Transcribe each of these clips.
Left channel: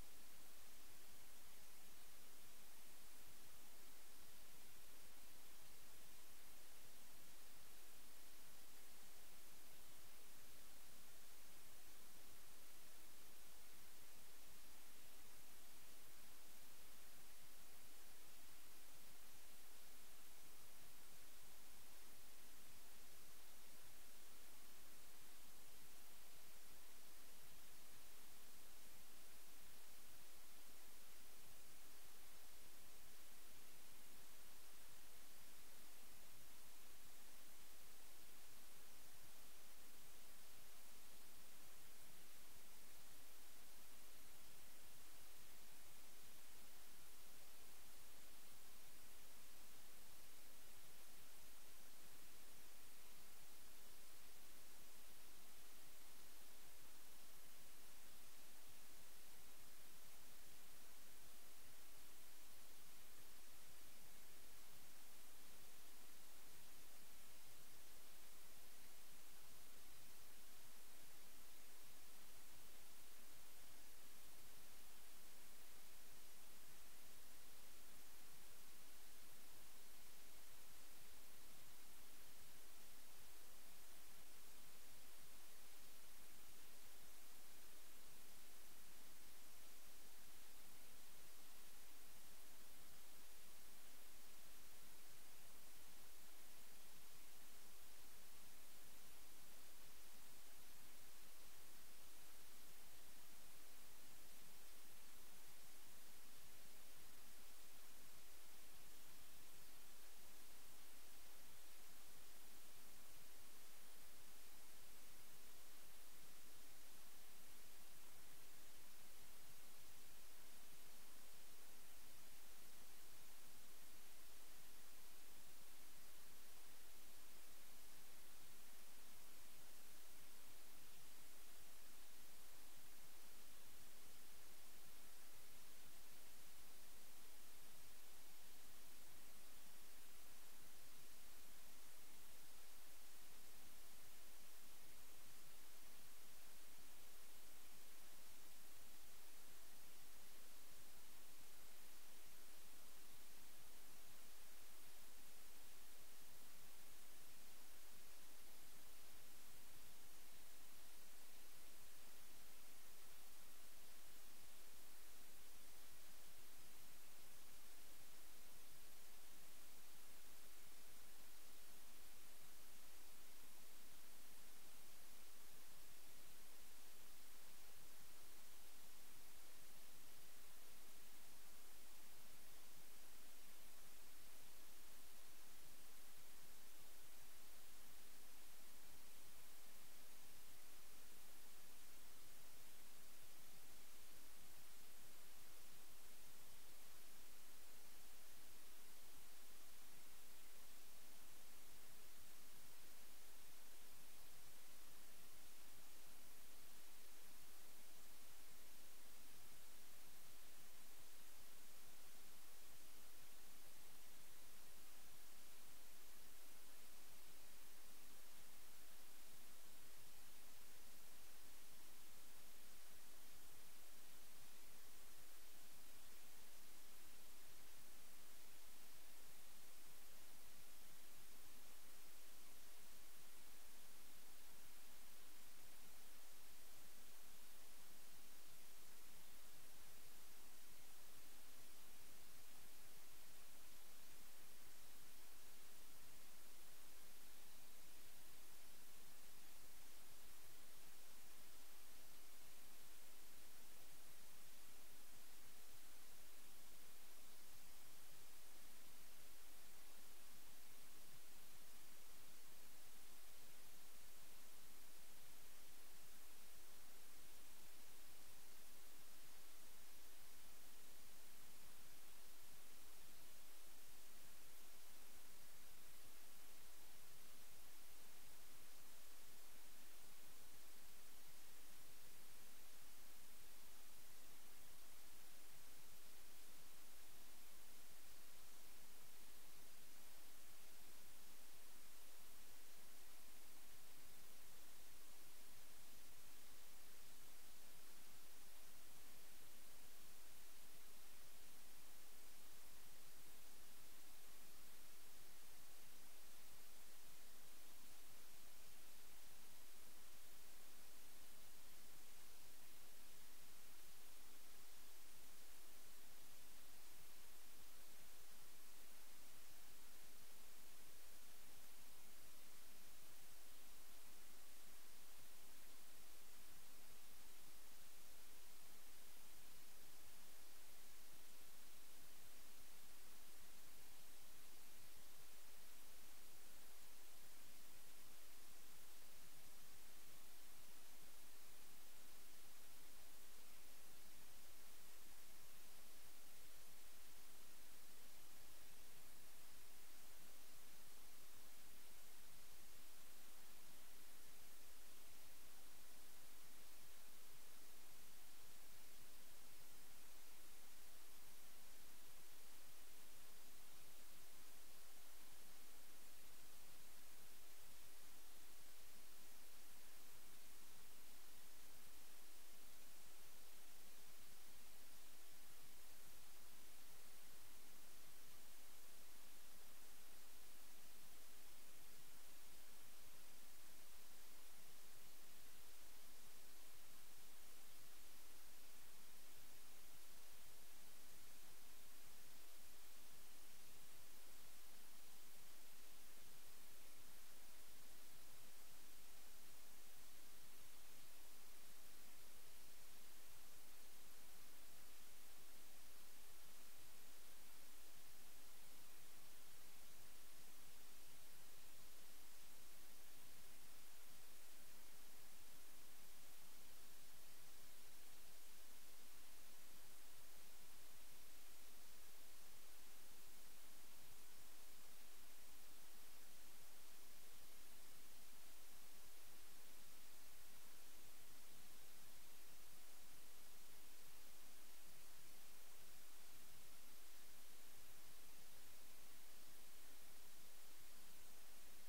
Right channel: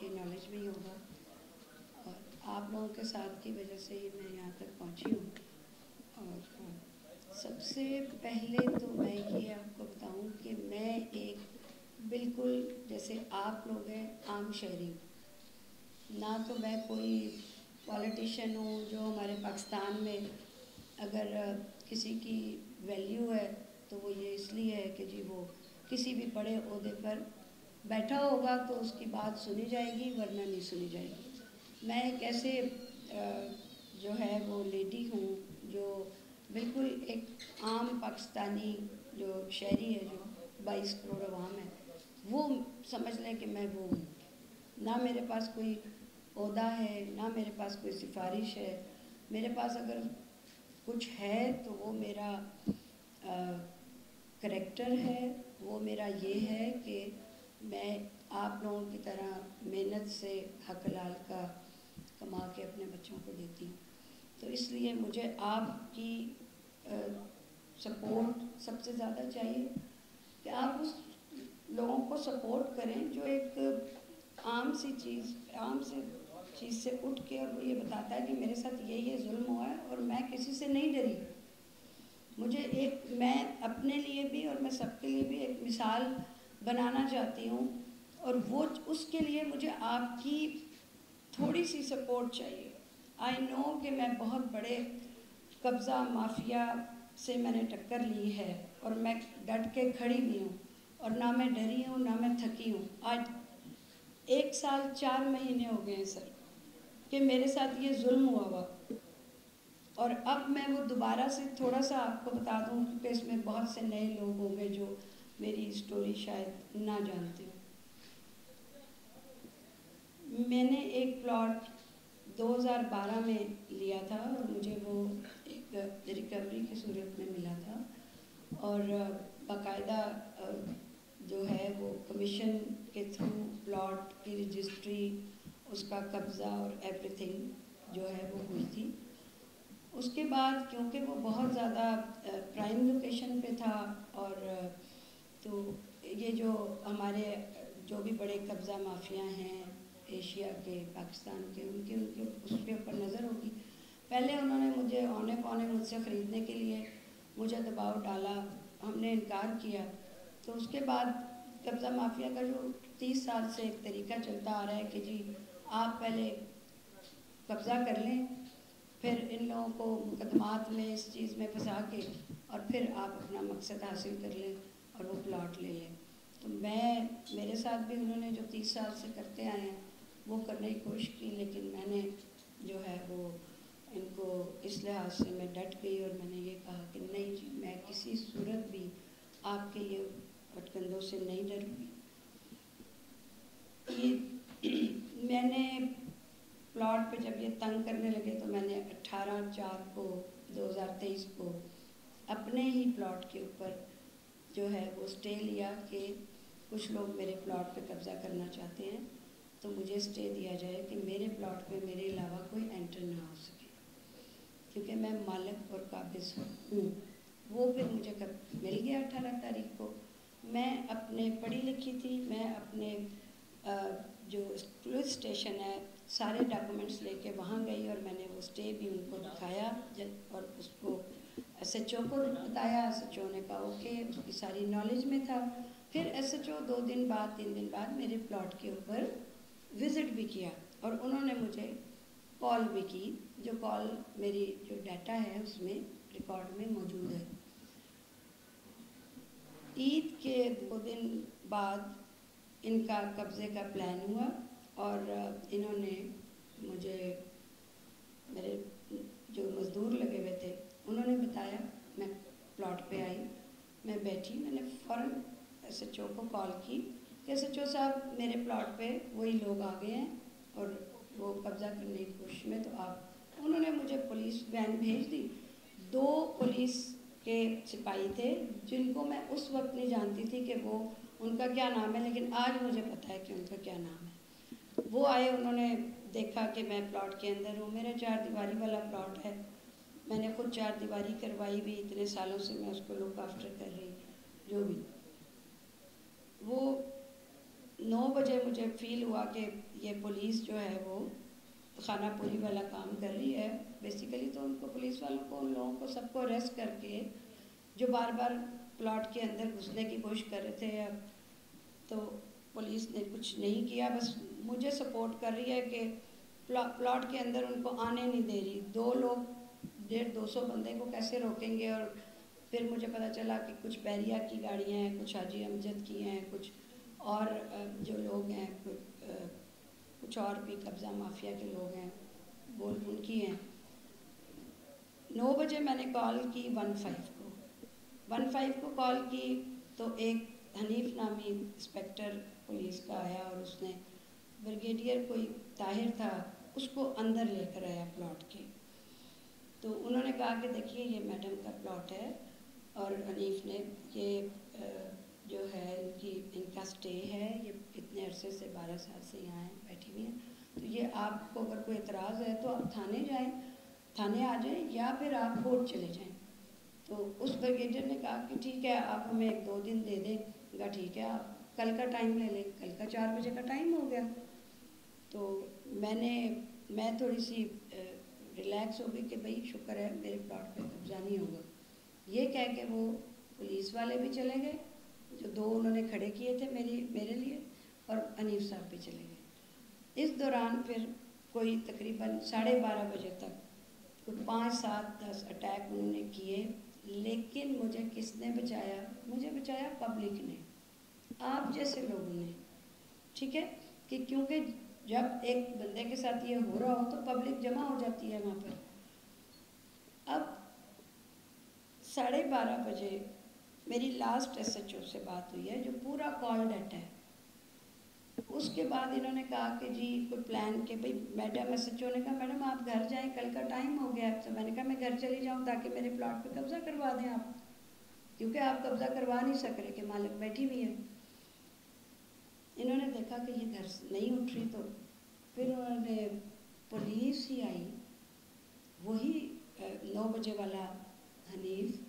آپ کی نالج بھی ہوگا، اور آپ لوگوں کے ساتھ کی وجہ سے ہی میں یہاں تک پہنچی ہوں. اور سب سے پہلے تو میں یہ آپ کو بتاؤں کہ میں ایک بالکل جیسے آپ لوگ ہیں عام شہری ہوں، نہ تو میں کوئی پولیٹیشین ہوں جو ہمارے پاکستان میں اگر کسی کی ویلیو ہے تو وہ یہ اس لیے ہے کہ جی وہ کسی بھی بڑے عہدے پر بیٹھا ہوگا تو اس کی بات سنی جائے گی ورنہ نہیں سنی جائے گی. میں ایک ایسے جو ہے وہ لیڈی ہوں جو بالکل ایک عام پاکستانی جو شہری ہے، جو 22 کروڑ عوام ہے، وہ سمجھ لیں کہ میں وہ ہوں. نہ میرے پاس کوئی عہدہ ہے، نہ میرے پاس کوئی سفارش ہے. میرے پاس اگر کچھ ہے تو وہ میرا کریکٹر ہے، وہ میرا یہ ہے کہ میں آپ لوگوں کی طرح محنت سے حق حلال کا کما کے اپنے بچوں کو دیتی ہوں. تو اس لیے مجھے آپ کی سپورٹ سب سے زیادہ چاہیے کہ آپ اس لوگوں کو سپورٹ کریں جو ایک عام سی چیز سے اٹھ کے اور وہ یہ بتاتا ہے کہ میرے ساتھ یہ ظلم ہوا ہے اور میں کسی سے نہیں ڈری. میں اپنے لیے بھی اور میں سب کے لیے بھی ایک مثال بنانا چاہتی ہوں، اور وہ اس کے لیے مجھے آپ کی تھوڑی سی سپورٹ چاہیے. آئی نو کہ میں بہت بڑے قبضہ مافیا سے میں نے ٹکر لی ہے اور میں ڈٹ کے کھڑی بھی ہوں، اور نہ میں ڈری ہوں نہ میں تھکی ہوں. آج 1 سال 4 مہینے ہو گئے ہیں سر کہ میرے ساتھ یہ ظلم ہوا. اور اب میں وہ دوبارہ سے تھوڑا سا آپ کو بتا دوں کیونکہ اس میں بہت سے نئے لوگ ہوں گے جو میری سٹوری شاید نہ جانتے ہوں. میں نے ایک پلاٹ 2012 میں لیا تھا اور مجھے وہ ایک ریکوری کی صورت میں ملا تھا، اور باقاعدہ جو ہے وہ کمیشن کے تھرو پلاٹ کی رجسٹری، اس کا قبضہ اور ایوری تھنگ جو ہے وہ ہوئی تھی. اس کے بعد کیونکہ وہ بہت زیادہ پرائم لوکیشن پہ تھا، اور تو یہ جو ہمارے جو بھی بڑے قبضہ مافیا ہیں ایشیا کے، پاکستان کے، ان کے اس کے اوپر نظر ہوگی. پہلے انہوں نے مجھے اونے پونے مجھ سے خریدنے کے لیے مجھے دباؤ ڈالا، ہم نے انکار کیا. تو اس کے بعد قبضہ مافیا کا جو 30 سال سے ایک طریقہ چلتا آ رہا ہے کہ جی آپ پہلے قبضہ کر لیں، پھر ان لوگوں کو مقدمات میں اس چیز میں پھنسا کے اور پھر آپ اپنا مقصد حاصل کر لیں اور وہ پلاٹ لے لیں. تو میرے ساتھ بھی انہوں نے جو 30 سال سے کرتے آئے ہیں وہ کرنے کی کوشش کی، لیکن میں نے جو ہے وہ ان کو اس لحاظ سے میں ڈٹ گئی اور میں نے یہ کہا کہ نہیں جی میں کسی صورت بھی آپ کے یہ پٹکندوں سے نہیں ڈروں گی. میں نے پلاٹ پہ جب یہ تنگ کرنے لگے تو میں نے 18/4/2023 کو اپنے ہی پلاٹ کے اوپر جو ہے وہ سٹے لیا کہ کچھ لوگ میرے پلاٹ پہ قبضہ کرنا چاہتے ہیں تو مجھے سٹے دیا جائے کہ میرے پلاٹ پہ میرے علاوہ کوئی انٹر نہ ہو سکے، کیونکہ میں مالک اور قابض ہوں. وہ پھر مجھے مل گیا 18 تاریخ کو. میں اپنے پڑھی لکھی تھی، میں اپنے جو پولیس اسٹیشن ہے سارے ڈاکومنٹس لے کے وہاں گئی اور میں نے وہ سٹے بھی ان کو دکھایا اور اس کو ایس ایچ او کو بتایا. ایس ایچ او نے کہا اوکے، اس کی ساری نالج میں تھا. پھر ایس ایچ او 2 دن بعد 3 دن بعد میرے پلاٹ کے اوپر وزٹ بھی کیا اور انہوں نے مجھے کال بھی کی، جو کال میری جو ڈیٹا ہے اس میں ریکارڈ میں موجود ہے. عید کے 2 دن بعد ان کا قبضے کا پلان ہوا اور انہوں نے مجھے، میرے جو مزدور لگے ہوئے تھے انہوں نے بتایا. میں پلاٹ پہ آئی، میں بیٹھی، میں نے فوراً ایس ایچ او کو کال کی کہ ایس ایچ او صاحب میرے پلاٹ پہ وہی لوگ آ گئے ہیں اور وہ قبضہ کرنے کی کوشش میں. تو انہوں نے مجھے پولیس وین بھیج دی. 2 پولیس کے سپاہی تھے جن کو میں اس وقت نہیں جانتی تھی کہ وہ ان کا کیا نام ہے، لیکن آج مجھے پتہ ہے کہ ان کا کیا نام ہے. وہ آئے، انہوں نے دیکھا کہ میں پلاٹ کے اندر ہوں. میرا 4 دیواری والا پلاٹ ہے، میں نے خود 4 دیواری کروائی بھی، اتنے سالوں سے میں اس کو لک آفٹر کر رہی. جو بھی وہ 9 بجے مجھے فیل ہوا کہ یہ پولیس جو ہے وہ خانہ پوری والا کام کر رہی ہے. بیسیکلی تو ان کو پولیس والوں کو ان لوگوں کو سب کو اریسٹ کر کے جو بار بار پلاٹ کے اندر گھسنے کی کوشش کر رہے تھے. تو پولیس نے کچھ نہیں کیا, بس مجھے سپورٹ کر رہی ہے کہ پلاٹ کے اندر ان کو آنے نہیں دے رہی. 2 لوگ 150-200 بندے کو کیسے روکیں گے. اور پھر مجھے پتہ چلا کہ کچھ بحریہ کی گاڑیاں ہیں, کچھ حاجی امجد کی ہیں, کچھ اور جو لوگ ہیں کچھ اور بھی قبضہ مافیا کے لوگ ہیں وہ ان کی ہیں. 9 بجے میں نے کال کی 15 کو کال کی تو ایک حنیف نامی انسپیکٹر پولیس کا آیا اور اس نے بریگیڈیئر کوئی طاہر تھا اس کو اندر لے کر آیا پلاٹ کے. تو انہوں نے کہا کہ دیکھیے یہ میڈم کا پلاٹ ہے اور حنیف نے یہ جو ہے ان کا سٹے ہے, یہ اتنے عرصے سے 12 سال سے یہاں بیٹھی ہوئی ہیں, تو یہ آپ کو اگر کوئی اعتراض ہے تو آپ تھانے آ جائیں یا پھر آپ کورٹ چلے جائیں. تو اس بریگیڈیئر نے کہا کہ ٹھیک ہے آپ ہمیں 1-2 دن دے دیں. کہا ٹھیک ہے آپ کل کا ٹائم لے لیں. کل کا 4 بجے کا ٹائم ہو گیا. تو میں تھوڑی سی ریلیکس ہو گئی کہ بھائی شکر ہے میرے پلاٹ پہ قبضہ نہیں ہوگا. یہ کہہ کے وہ پولیس والے بھی چلے گئے جو 2 انہوں نے کھڑے کیے تھے میرے لیے, اور حنیف صاحب بھی چلے گئے. اس دوران پھر کوئی تقریباً 12:30 بجے تک کوئی 5-7-10 اٹیک انہوں نے کیے. لیکن مجھے کس نے بچایا؟ مجھے بچایا پبلک نے, آپ جیسے لوگوں نے. ٹھیک ہے کہ کیونکہ جب ایک بندے کے ساتھ یہ ہو رہا ہو تو پبلک جمع ہو جاتی ہے وہاں پر. اب 12:30 بجے میری لاسٹ ایس ایچ او سے بات ہوئی ہے جو پورا کال ڈیٹا ہے. اس کے بعد انہوں نے کہا کہ جی کوئی پلان کہ بھائی میڈم ایس ایچ او نے کہا میڈم آپ گھر جائیں کل کا ٹائم ہو گیا. تو میں نے کہا میں گھر چلی جاؤں تاکہ میرے پلاٹ پہ قبضہ کروا دیں آپ, کیونکہ آپ قبضہ کروا نہیں سک رہے کہ مالک بیٹھی ہوئی ہے. انہوں نے دیکھا کہ یہ گھر نہیں اٹھ رہی تو پھر انہوں نے پولیس ہی آئی, وہی 9 بجے والا حنیف,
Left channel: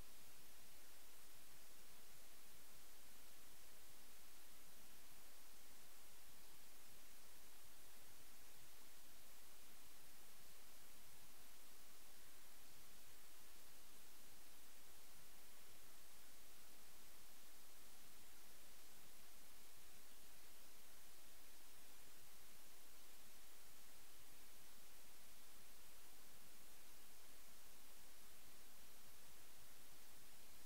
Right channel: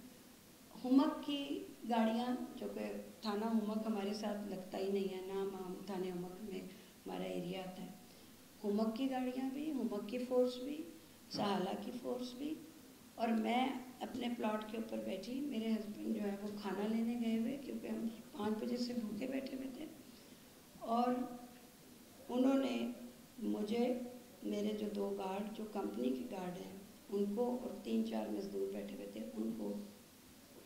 ہمک کی گاڑیاں جو کہ تھانہ ہمک ہمارے ساتھ لگتا ہی نہیں ہے, نام تھانے ہمک میں ہمارا ایریا آتا ہے. ہمک کی گاڑیاں بھی, ہمک کی فورس بھی, سہالہ کی فورس بھی, اور میں اپنے پلاٹ کے اوپر بیٹھی. میرے ہسبینڈ جو ہے وہ کھانا لینے گئے ہوئے کیونکہ ہم 5 بجے سے بھوکے بیٹھے ہوئے تھے. اور انہوں نے مجھے, میرے جو 2 گارڈ جو کمپنی کے گارڈ ہیں ان کو, اور 3-4 مزدور بیٹھے ہوئے تھے ان کو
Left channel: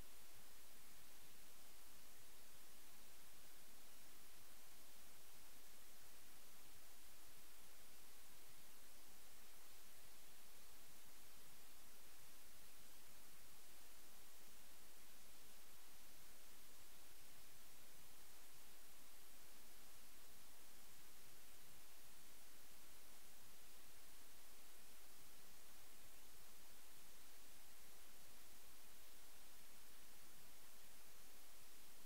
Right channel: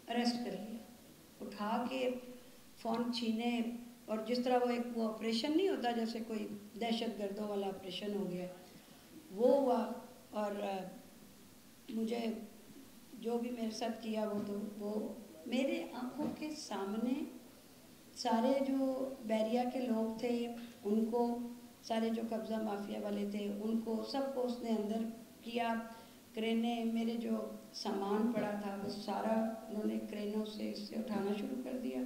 اریسٹ کر لیا. اٹھا کے فون چھینے, اور جس طرح وہ آپریشن نہیں ہوتا جیسے کوئی دہشت گردوں والا آپریشن ہو گیا وہ ہوا. اور مجھے جو بھی میرے ساتھ کیا وہ میرے آنکھوں کے سامنے سارے جو بحریہ کے لوگ تھے ان کو, سارے جو قبضہ مافیا والے تھے ان کو, سب کو اس نے اندر کیا. کرینے میرے جو سامان پڑا تھا وہ سارا انہوں نے کرینوں سے اس سے اٹھانا شروع کر دیا.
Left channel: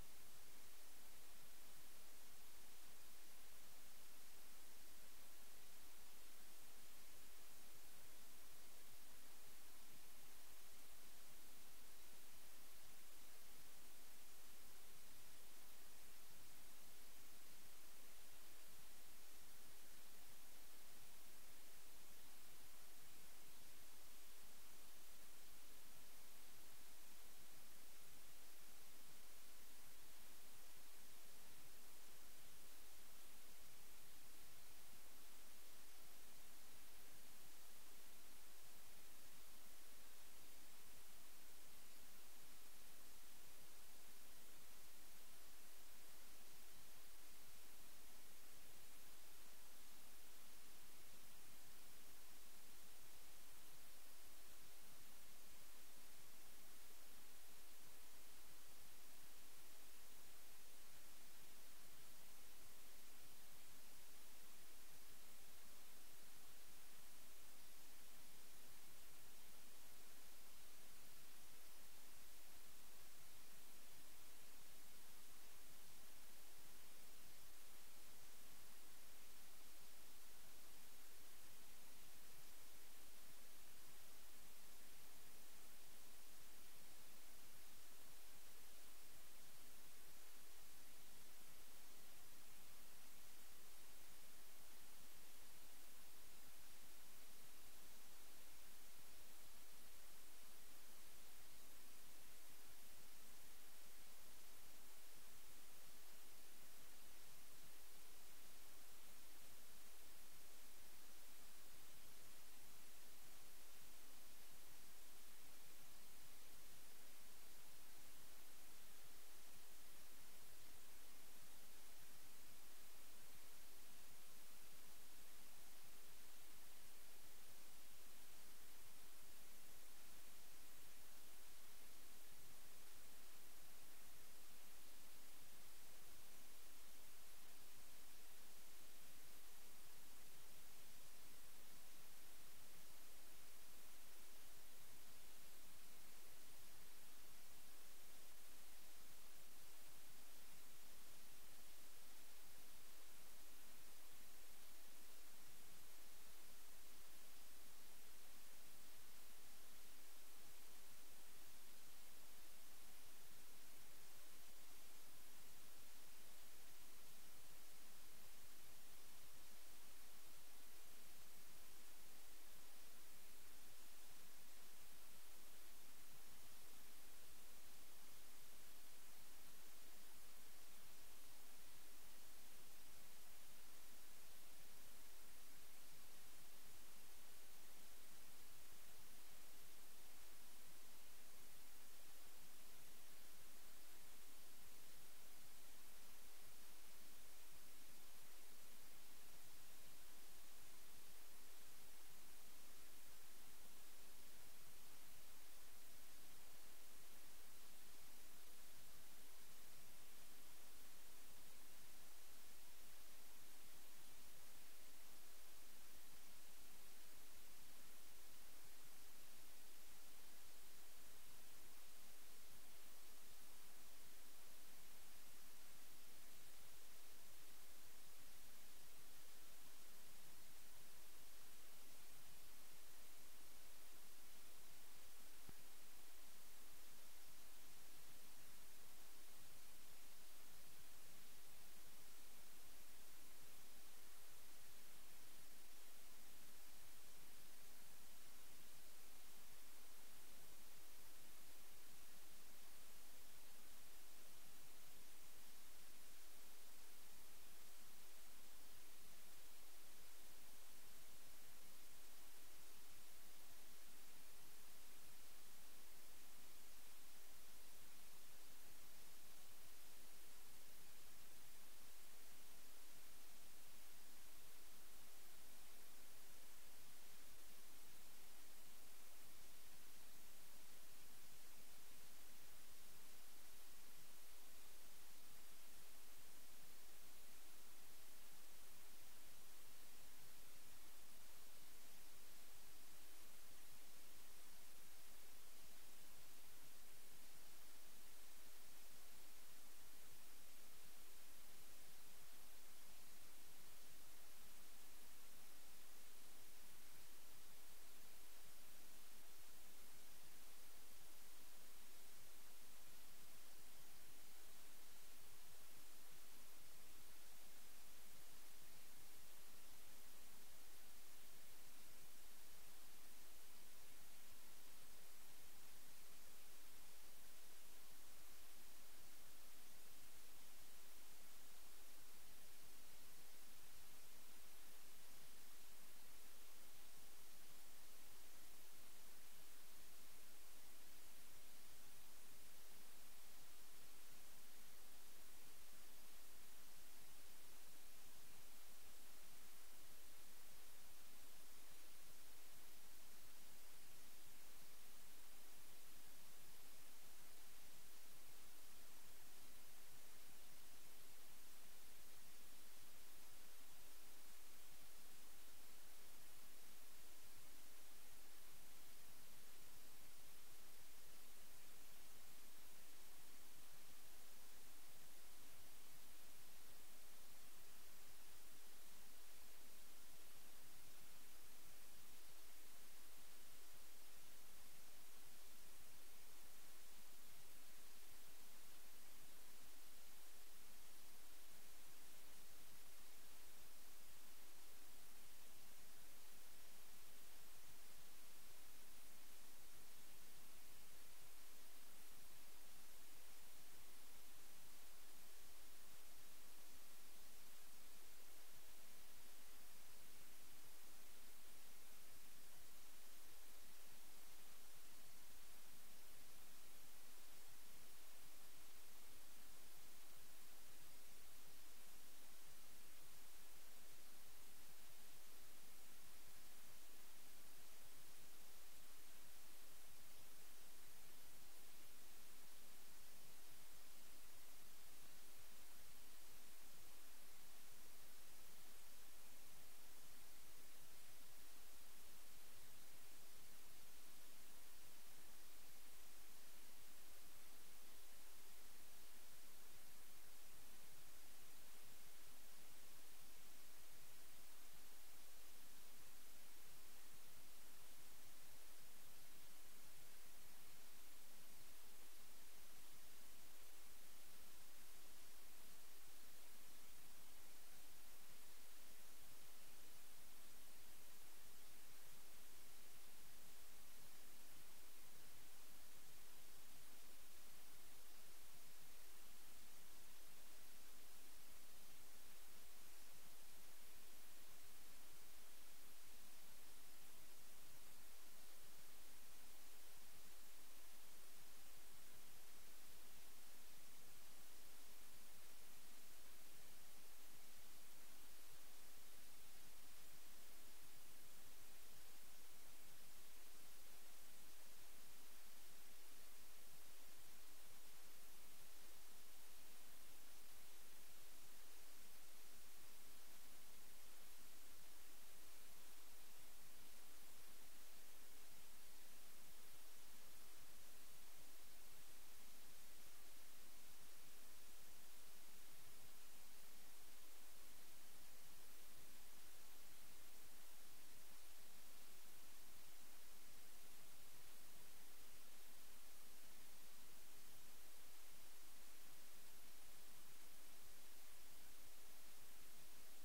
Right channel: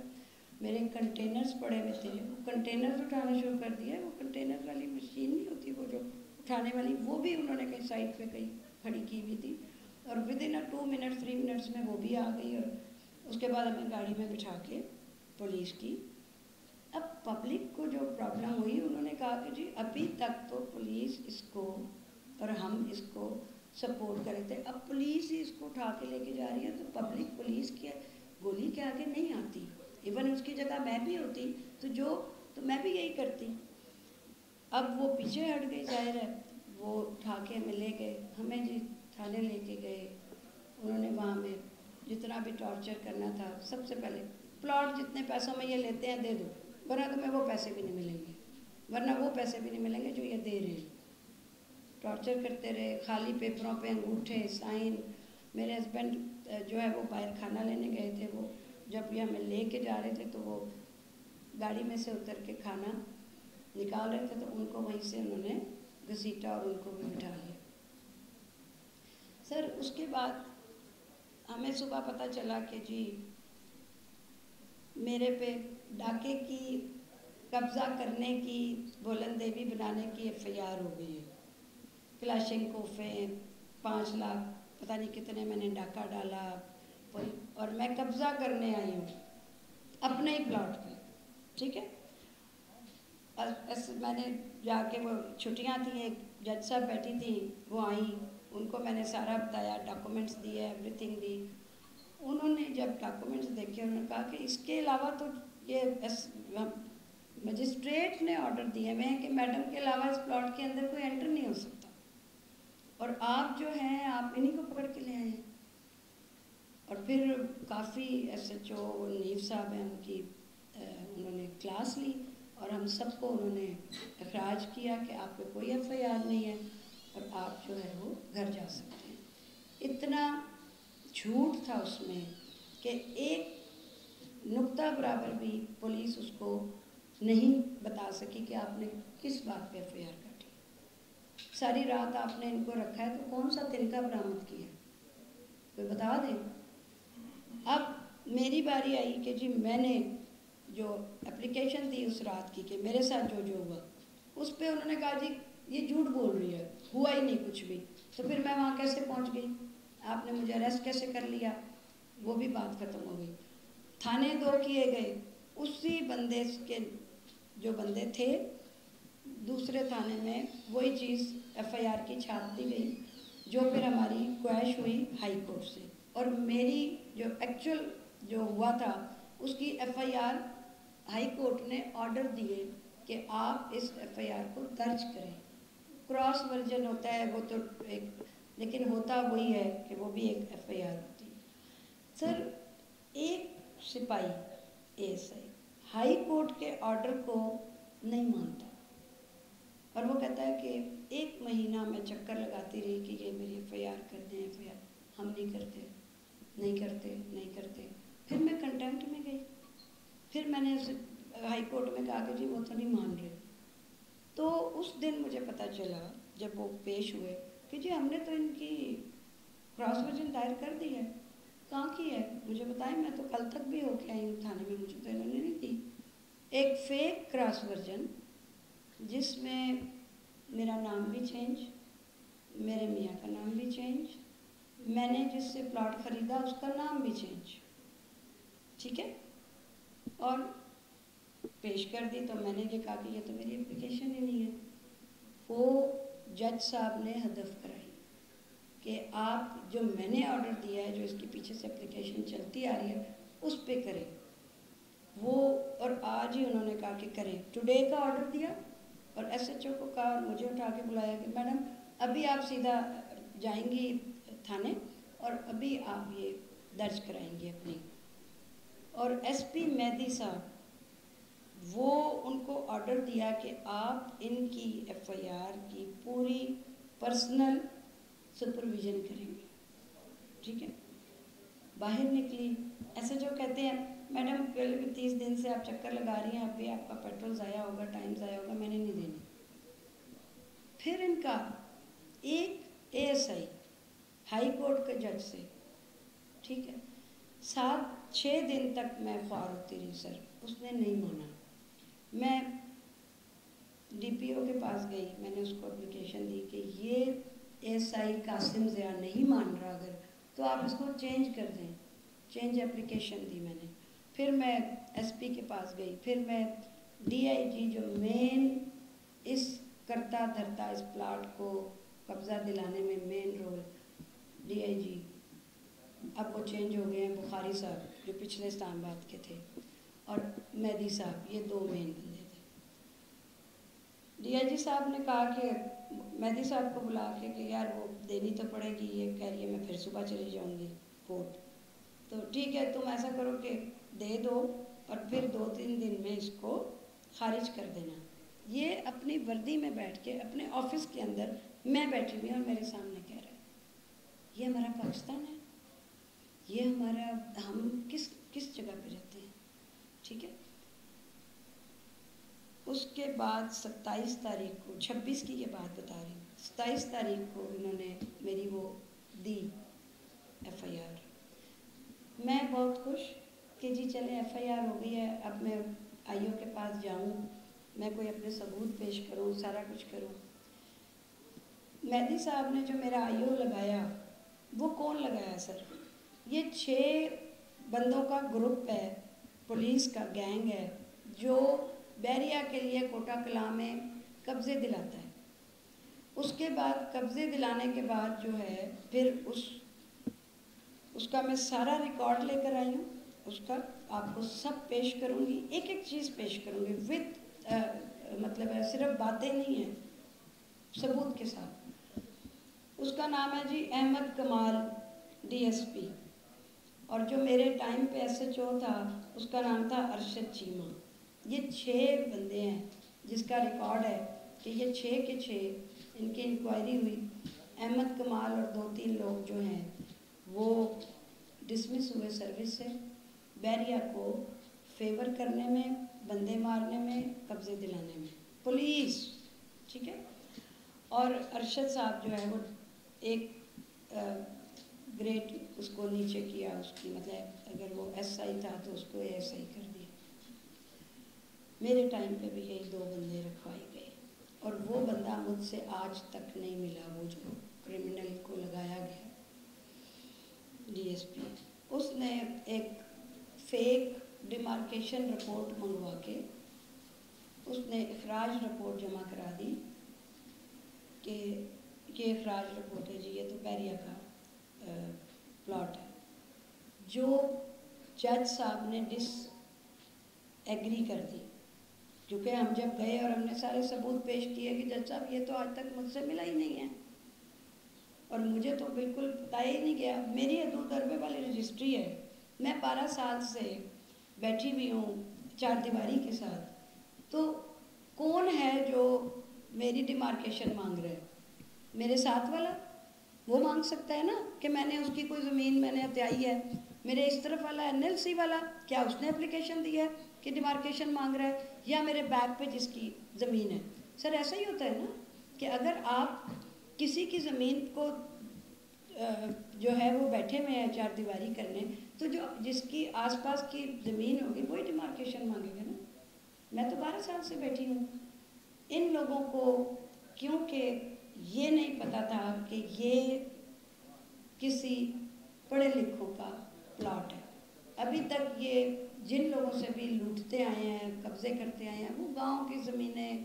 میرے کنٹینرز پڑے ہوئے تھے وہ کنٹینرز اٹھانا شروع کر دیا. وہ کنٹینر والی مشین نہیں ہوتی وہ جو اٹھانے والی, وہ بھی انہوں نے کہیں سائڈ پہ کہیں کھڑی کی ہوئی تھی, اور ودن 2 منٹس 3 منٹس میں وہ بھی آ گئی. اور اس کے بعد ہمیں گاڑی میں بٹھا کے پولیس کی. اب پبلک کو جو پرابلم ہوئی انہوں نے کہا کہ جی ابھی تک تو پولیس اس کو اور ہم اس کو سپورٹ کرے تھے, اب پولیس ہی اس کو اٹھا کے لے کے جا رہی ہے تو پبلک پولیس کے گولی کے آگے نہیں آتی. ایون اس کی جگہ میں بھی ہوتی تو میں بھی یہی کرتی. اب وہ پیچھے ہٹ گئی, ظاہر ہے وہ اٹھا کے ہمیں لے گئے, ہمیں جی تھانے لے کے گئے. انہوں نے وہاں میں جتنا بھی ٹارچر کرنا تھا, سب سے پہلے پلاٹ جتنے پیسوں میں یہ لیتے ہیں دے دو, ورنہ تمہیں وہ پیسے بھی نہیں ملیں گے, ورنہ وہ پیسے بھی نہیں ملیں گے جو یہ دے رہے ہیں. ٹارچر کرتے رہے, خالی پیپروں پہ انگوٹھے سائن. میرے ہسبینڈ جو ہے وہ باہر کھانا لینے گئے تھے, وہ جب یہ ہمیں لے کے جا رہے تھے تو وہ گاڑی میں سے اتر کے کھانا نکال رہے تھے تو ان کو وہیں سے انہوں نے گھسیٹا اور ان کو بھی بٹھا لیا. سر اس کے بعد ہمیں صبح پتہ چلا کہ جی میرے پہ ڈاکے کی, قبضہ کرنے کی, بلند دیوی بنانے کی FIR ہو گئی ہے. کلاشن کوفے 5 لاکھ پتہ نہیں کتنے میں نے ڈاکہ ڈالا, اور میں قبضہ کرنے آئی ہوں اپنے ہی پلاٹ پہ. ٹھیک ہے, میں نے جا کے، وہ چھٹیاں تھیں، ایک جج صاحب بیٹھی تھیں، وہ آئیں، ان کو میں نے سارا بتایا، ڈاکومنٹس دیے، ایوری تھنگ دی. انہوں نے جب ڈاکومنٹس دیکھے انہوں نے کہا کہ اس کے علاوہ تو یہ مجسٹریٹ نے آرڈر دیے ہوئے ہیں کہ میڈم کے علاوہ اس پلاٹ کے اندر کوئی انٹر نہیں ہو سکتا، اور آپ جو ہیں آپ انہیں کو پکڑ کے لے آئے ہیں. اور پھر کافی ایس ایچ او نیب صاحب ہیں، ان کی انہوں نے کلاس لی اور ہم سب کو انہوں نے اخراج کیا کہ آپ کو کوئی ایف آئی آر نہیں ہے اور آپ جو ہے وہ گھر جا سکتے ہیں. اتنا جھوٹ تھا اس میں کہ ایک نقطہ برابر بھی پولیس اس کو نہیں بتا سکی کہ آپ نے کس بات پہ ایف آئی آر کاٹی. ساری رات آپ نے ان کو رکھا ہے، تو کون سا تنکا برآمد کیا، کوئی بتا دیں. اب میری باری آئی کہ جی میں نے جو اپلیکیشن دی اس رات کی کہ میرے ساتھ جو ہوا، اس پہ انہوں نے کہا جی یہ جھوٹ بول رہی ہے، ہوا ہی نہیں کچھ بھی. تو پھر میں وہاں کیسے پہنچ گئی، آپ نے مجھے اریسٹ کیسے کر لیا، وہ بھی بات ختم ہو گئی. تھانے 2 کیے گئے، اسی بندے کے جو بندے تھے دوسرے تھانے میں وہی چیز ایف آئی آر کی چھاپ دی گئی، جو پھر ہماری کوائش ہوئی ہائی کورٹ سے. اور میری جو ایکچوئل جو ہوا تھا اس کی F I R high court نے آرڈر دیے کہ آپ اس ایف آئی آر کو درج کریں. کراس ورژن ہوتا ہے وہ تو ایک، لیکن ہوتا وہی ہے کہ وہ بھی ایک ایف آئی آر ہوتی ہے. سر ایک سپاہی A S I high court کے آرڈر کو نہیں مانتا، اور وہ کہتا ہے کہ 1 مہینہ میں چکر لگاتی رہی کہ یہ میری ایف آئی آر کر دیں، ایف آئی آر. ہم نہیں کرتے نہیں کرتے نہیں کرتے. پھر میں کنٹمپٹ میں گئی، پھر میں نے ہائی کورٹ میں کہا کہ جی وہ تو نہیں مان رہے. تو اس دن مجھے پتہ چلا جب وہ پیش ہوئے کہ جی ہم نے تو ان کی کراس ورژن دائر کر دی ہے. کہاں کی ہے مجھے بتائیں، میں تو کل تک بھی ہو کے آئی ہوں تھانے میں، مجھے تو انہوں نے نہیں دی. ایک فیک کراس ورژن جس میں میرا نام بھی چینج، میرے میاں کا نام بھی چینج، میں نے جس سے پلاٹ خریدا اس کا نام بھی چینج، ٹھیک ہے. اور پیش کر دی تو میں نے یہ کہا کہ یہ تو میری اپلیکیشن ہی نہیں ہے. وہ جج صاحب نے ہدف کرائی کہ آپ جو میں نے آرڈر دیا ہے، جو اس کے پیچھے سے اپلیکیشن چلتی آ رہی ہے اس پہ کریں. وہ اور آج ہی انہوں نے کہا کہ کریں. ٹوڈے کا آرڈر دیا اور ایس ایچ او کو کہا اور مجھے اٹھا کے بلایا کہ میڈم ابھی آپ سیدھا جائیں گی تھانے اور ابھی آپ یہ درج کرائیں گے اپنی. اور ایس پی مہدی صاحب وہ ان کو آرڈر دیا کہ آپ ان کی ایف آئی آر کی پوری پرسنل سپرویژن کریں گے، ٹھیک ہے. باہر نکلی، ایسے جو کہتے ہیں میڈم 30 دن سے آپ چکر لگا رہی ہیں، ابھی آپ کا پیٹرول ضائع ہوگا، ٹائم ضائع ہوگا، میں نے نہیں دینی. پھر ان کا ایک A S I high court کے جج سے، ٹھیک ہے، 6 دن تک میں خوار ہوتی رہی سر، اس نے نہیں مانا. میں ڈی پی او کے پاس گئی، میں نے اس کو اپلیکیشن دی کہ یہ ایس آئی قاسم ضیاء نہیں مان رہا، اگر تو آپ اس کو چینج کر دیں. چینج اپلیکیشن دی میں نے. پھر میں ایس پی کے پاس گئی، پھر میں ڈی آئی جی جو مین اس کرتا دھرتا اس پلاٹ کو قبضہ دلانے میں مین رول، ڈی آئی جی اب وہ چینج ہو گئے ہیں، بخاری صاحب جو پچھلے اسلام آباد کے تھے، اور مہدی صاحب، یہ 2 مین بندے تھے. ڈی آئی جی صاحب نے کہا کہ مہدی صاحب کو بلا کے یار وہ دینی تو پڑے گی، یہ کہہ رہی ہے میں پھر صبح چلی جاؤں گی کورٹ. تو ٹھیک ہے تم ایسا کرو کہ دے دو اور پھر 2-3 دن میں اس کو خارج کر دینا. یہ اپنی وردی میں بیٹھ کے اپنے آفس کے اندر میں بیٹھی ہوئی اور میرے سامنے کہہ رہا ہے یہ ہمارا پاکستان ہے، یہ ہمارا، ہم کس جگہ پہ رہتے ہیں، ٹھیک ہے. اس کے بعد 27 تاریخ کو، 26 کی یہ بات بتا رہی ہوں، 27 تاریخ کو انہوں نے میری وہ دی ایف آئی آر. میں بہت خوش کہ جی چلے ایف آئی آر ہو گئی ہے، اب میں آئی او کے پاس جاؤں، میں کوئی اپنے ثبوت پیش کروں، سارا کچھ کروں. مہدی صاحب نے جو میرا آئی او لگایا، وہ کون لگایا سر؟ یہ 6 بندوں کا گروپ ہے، پولیس کا گینگ ہے، جو بحریہ بیریا کے لیے کوٹا کلاں میں قبضے دلاتا ہے. اس کے بعد قبضے دلانے کے بعد جو ہے پھر اس کا میں سارا ریکارڈ لے کر آئی ہوں. اس کا آپ کو سب پیش کروں گی, ایک ایک چیز پیش کروں گی وتھ مطلب ہے, صرف باتیں نہیں ہیں, ثبوت کے ساتھ. اس کا نام ہے جی احمد کمال DSP, اور جو میرے ٹائم پہ SHO تھا اس کا نام تھا ارشد چیمہ. یہ 6 بندے ہیں جس کا ریکارڈ ہے کہ یہ 6 کے 6 ان کی انکوائری ہوئی. احمد کمال اور 2-3 لوگ جو ہیں وہ ڈسمس ہوئے سروس سے, بیریا کو فیور کرنے میں, بندے مارنے میں, قبضے دلانے میں, پولیس. ٹھیک ہے. اور ارشد صاحب جو ہے وہ ایک گریٹ اس کو نیچے کیا, اس کی مطلب اگر وہ SI تھا تو اس کو ASI کر دیا. میرے ٹائم پہ بھی یہی 2 بندے رکھوائے گئے, اور وہ بندہ مجھ سے آج تک نہیں ملا, وہ جو کرمنل کو لگایا گیا DSP. اس نے ایک فیک ڈیمارکیشن رپورٹ منگوا کے اس نے اخراج رپورٹ جمع کرا دی کہ یہ اخراج رپورٹ ہے جی, یہ تو بیریا کا پلاٹ ہے. جو جج صاحب نے ڈس ایگری کر دی, کیونکہ ہم جب گئے اور ہم نے سارے ثبوت پیش کیے کہ جج صاحب یہ تو آج تک مجھ سے ملا ہی نہیں ہے, اور مجھے تو بالکل بتایا ہی نہیں گیا. میری حدود ضربے والی رجسٹری ہے, میں 12 سال سے بیٹھی ہوئی ہوں 4 دیواری کے ساتھ. تو کون ہے جو میری ڈیمارکیشن مانگ رہا ہے؟ میرے ساتھ والا وہ مانگ سکتا ہے نا کہ میں نے اس کی کوئی زمین میں نے ہتھیائی ہے. میرے اس طرف والا NLC والا, کیا اس نے اپلیکیشن دی ہے کہ ڈیمارکیشن مانگ رہا ہے؟ یا میرے بیک پہ جس کی زمین ہے. سر ایسا ہی ہوتا ہے نا کہ اگر آپ کسی کی زمین کو جو ہے وہ بیٹھے ہوئے ہیں 4 دیواری کرنے, تو جو جس کی آس پاس کی زمین ہوگی وہی ڈیمارکیشن مانگے گا نا. میں تو 12 سال سے بیٹھی ہوں. ان لوگوں کو کیونکہ یہ نہیں پتا تھا کہ یہ کسی پڑھے لکھوں کا پلاٹ ہے. ابھی تک یہ جن لوگوں سے بھی لوٹتے آئے ہیں, قبضے کرتے آئے ہیں, وہ گاؤں کی زمینیں,